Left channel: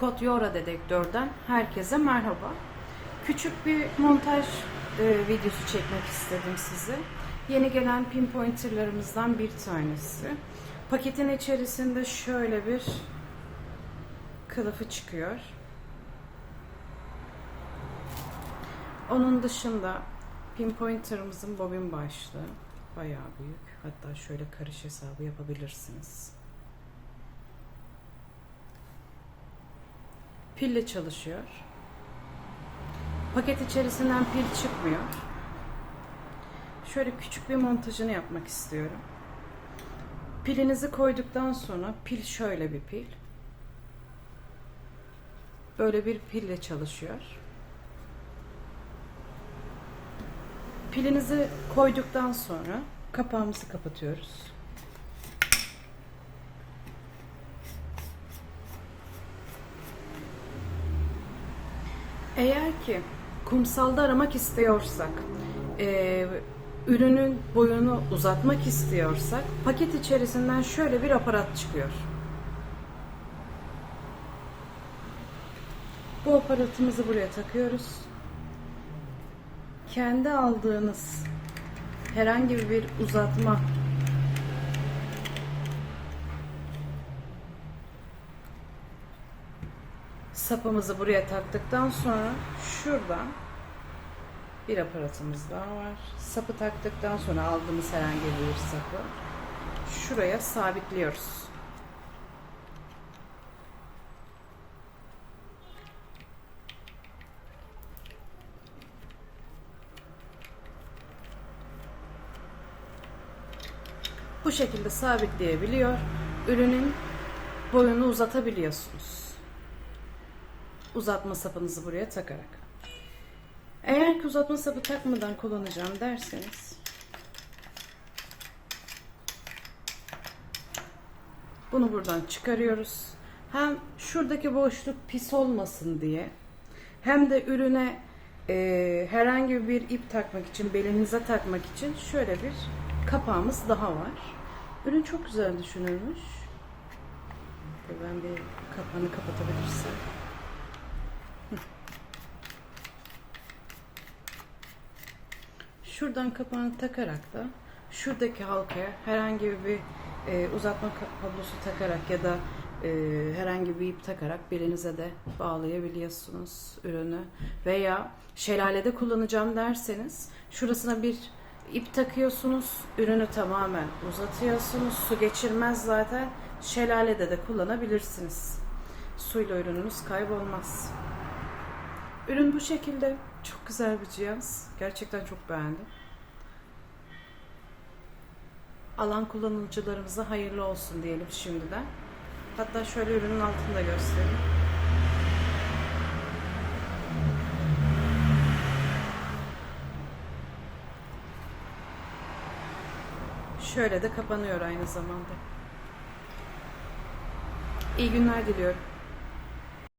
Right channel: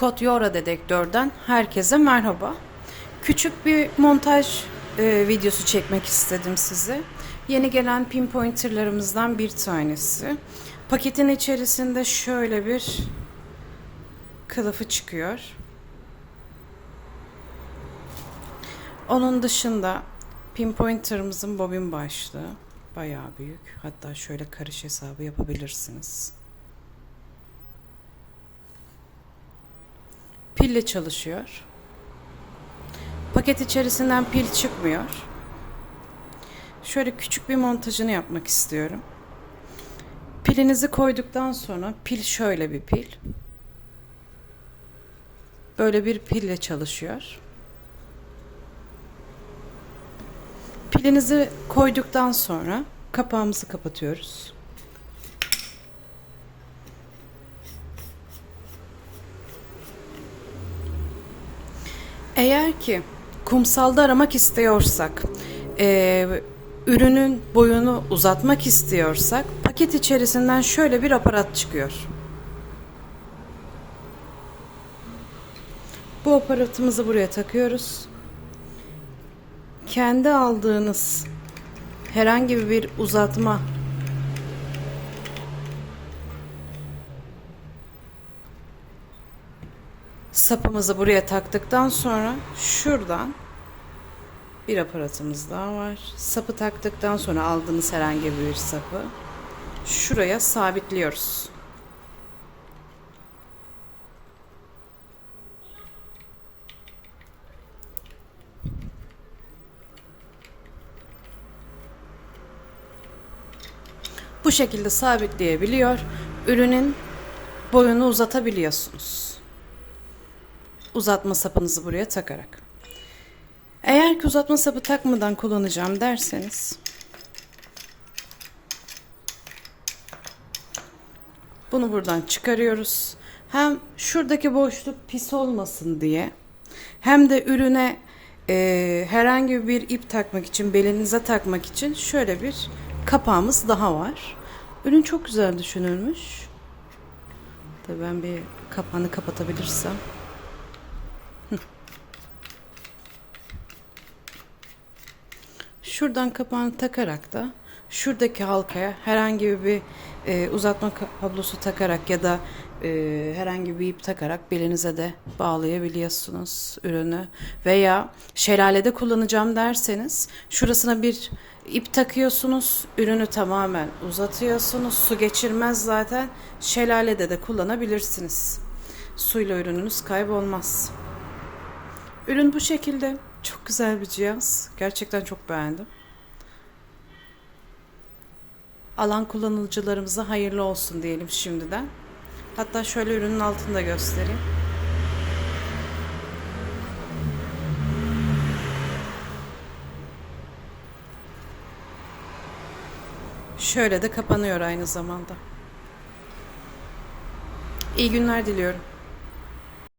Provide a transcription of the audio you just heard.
Kod Yora Dedektör'den herkese merhaba. Küçük bir montaj e, videosu çekmek istedim size. Yeni gelen pinpointerlarımızdan bir tanesi. Paketin içerisinde şöyle bir kılıfı çıkıyor. Onun dışında pinpointerımızın bobin başlığı bayağı büyük. Hatta şöyle karış hesabı yapabilirsiniz. Pille çalışıyor. Paket içerisinden pil çıkmıyor. Şöyle küçük bir montajını yapmak istiyorum. Pilinizi koyduktan sonra pil şöyle bir pil. Böyle bir pille çalışıyor. Pilinizi koyduktan sonra kapağımızı kapatıyoruz. Eğer ki kumsalda aramak istiyorsak, e, ürünün boyunu uzatmak istiyorsak, paket içerisinden şöyle bir aparat çıkıyor. Bu aparatımızı buraya takıyoruz. Kendi aldığınız herhangi bir uzatma sapımızı buraya taktıktan sonra şuradan bir aparatımız daha var. Sapı taktıktan sonra aldığınız herhangi bir sapı şuraya sabitliyoruz. Bu şekilde sabitleyebiliyor. Ürünün boyunu uzatabiliyorsunuz uzatma sapınızı buraya takarak. Eğer ki uzatma sapı takmadan kullanacağım derseniz bunu buradan çıkarıyoruz. Hem şuradaki boşluk pis olmasın diye hem de ürüne e, herhangi bir ip takmak için belinize takmak için şöyle bir kapağımız daha var. Ürün çok güzel düşünülmüş. Tabii ben bir kapağını kapatabilirsem. Şuradan kapağını takarak da şuradaki halkaya herhangi bir e, uzatma kablosu takarak ya da e, herhangi bir ip takarak belinize de bağlayabiliyorsunuz ürünü. Veya şelalede kullanacağım derseniz şurasına bir ip takıyorsunuz, ürünü tamamen uzatıyorsunuz. Su geçirmez zaten. Şelalede de kullanabilirsiniz. Suyla ürününüz kaybolmaz. Ürün bu şekilde. Çok güzel bir cihaz. Gerçekten çok beğendim. Alan kullanıcılarımıza hayırlı olsun diyelim şimdiden. Hatta şöyle ürünün altını da göstereyim. Şöyle de kapanıyor aynı zamanda. İyi günler diliyorum.